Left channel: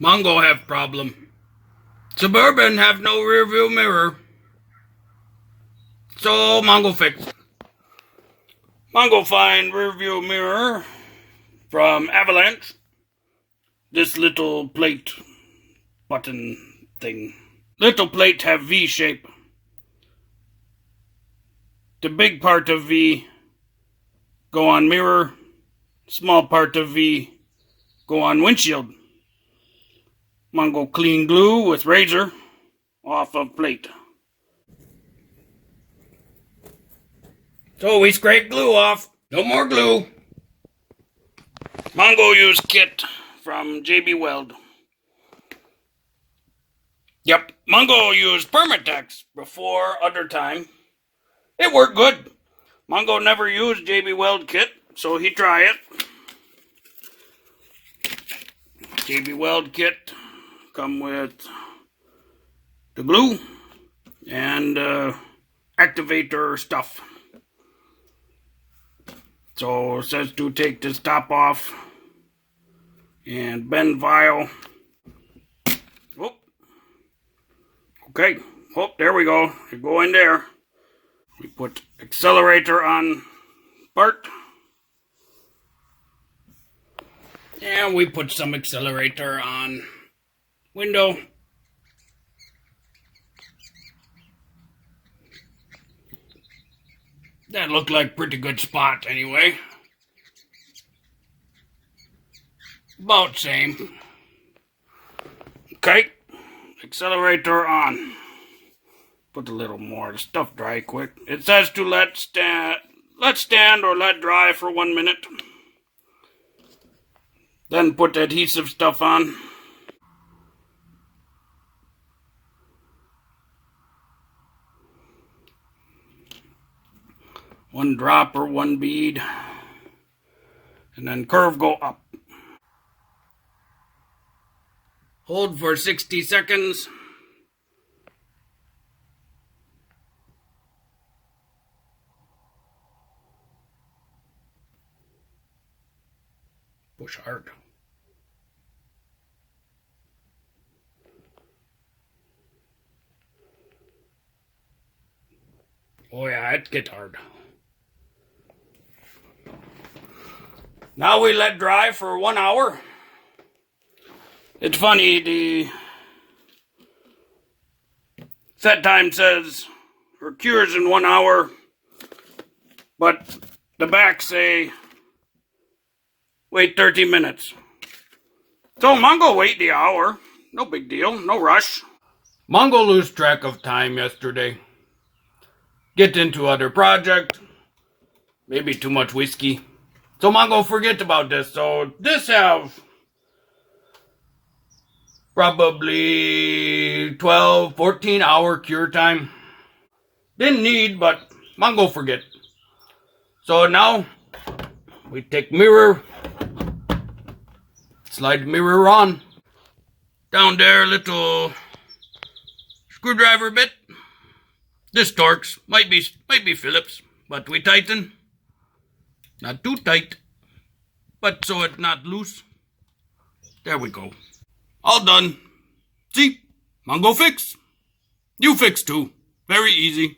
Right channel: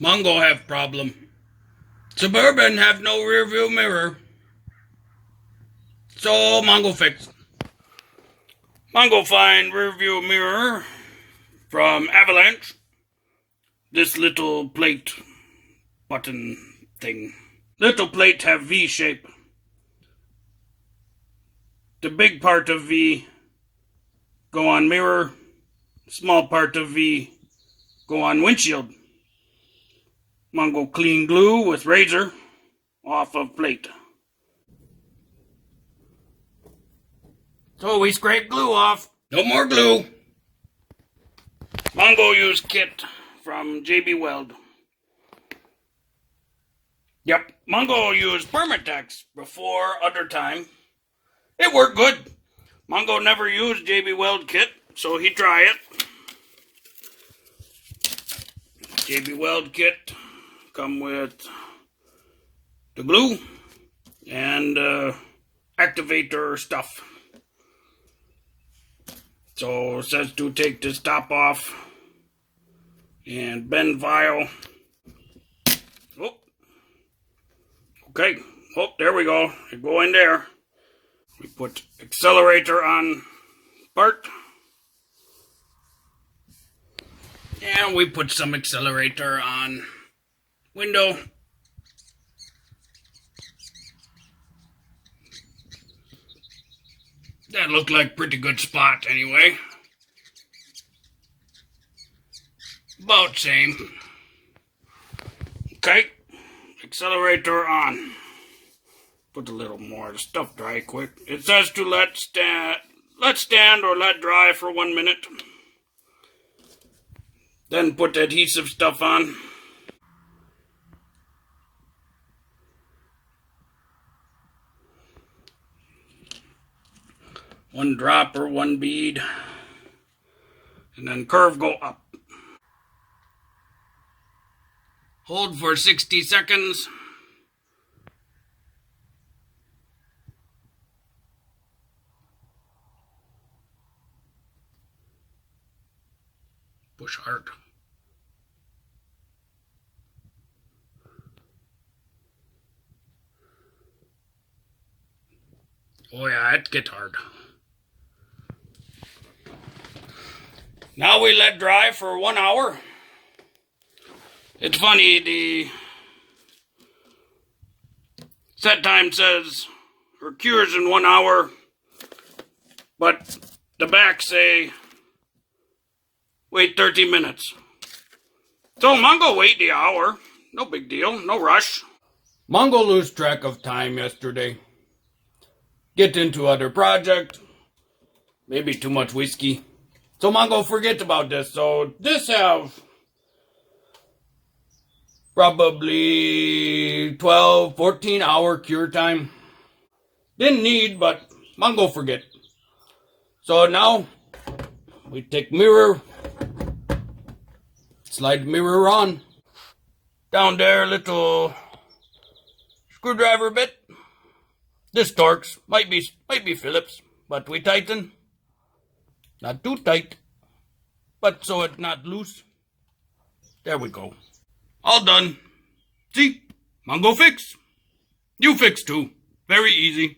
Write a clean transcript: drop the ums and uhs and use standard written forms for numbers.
Mongo have problem. Suburban have no rear view mirror. So Mongo fix. Mongo find rear view mirror from Avalanche. This little plate button thing. Little plate have V shape. The big part of V go on mirror. Small part of V go on windshield. Mongo clean glue with razor off of plate. So we scrape glue off. No more glue. Mongo use kit from Weld. Yep, Mongo used Permatex before other time. It worked good. Mongo never used Weld kit, so he try it. Weld kit come with the glue and activator stuff. So it says to take this top off and bend vial. Oh, okay. Oh, there we go. You go in there. We put accelerator on part. And we put some accelerator on window. That looked like pretty good spot anyway. About same. Okay, accelerator on. Put a little more to stuff dry quick. It says to let stand or let dry for 1 minute. Then put adhesive stuff on. One drop or one bead. And then curve go up. Hold for 60 seconds. Push hard. Oh yeah, it gets hard. Now we let dry for 1 hour. It's funny, the set time says or cures in 1 hour, but the back say wait 30 minutes. So Mongo wait the hour. No big deal, no rush. Mongo lose track of time yesterday. Get into other project. Maybe too much whiskey. So Mongo forget about this. So this have probably 12, 14 hour cure time. Didn't need, but Mongo forget. So now we take mirror, slide mirror on. Down there, little screwdriver bit. This Torx might be Phillips, but we tighten. Not too tight, but so it's not loose. There we go. All done. See? Mongo fix. You fix too. Very easy.